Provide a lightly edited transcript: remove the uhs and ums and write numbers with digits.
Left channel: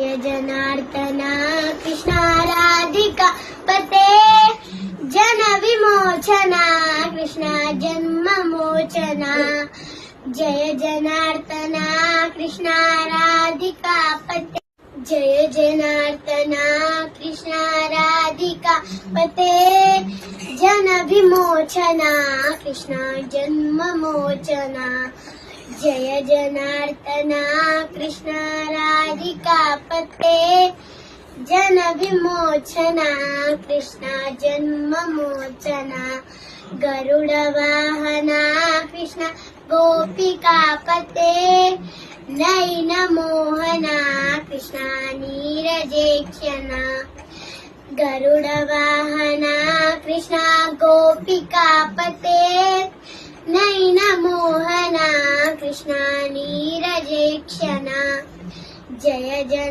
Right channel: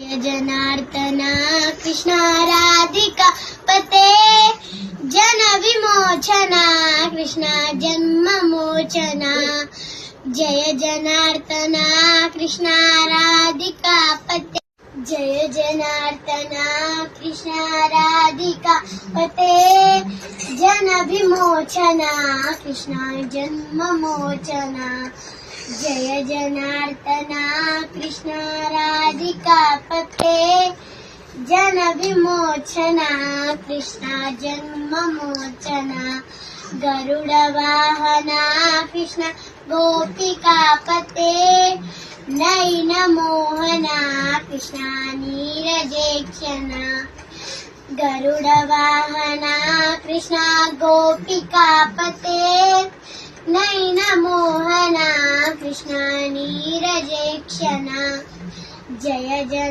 जय जनार्दना कृष्णा राधिका पते जन विमोचना कृष्णा जन्म मोचना जय जनार्दना कृष्णा राधिका पते जय जनार्दना कृष्णा राधिका पते जन विमोचना कृष्णा जन्म मोचना जय जनार्दना कृष्णा राधिका पते जन विमोचना कृष्णा जन्म मोचना गरुड वाहना कृष्णा गोपिका पते नयन मोहना कृष्णा नीरजेक्षणा गरुड वाहना कृष्णा गोपिका पते नयन मोहना कृष्णा नीरजेक्षणा जय जय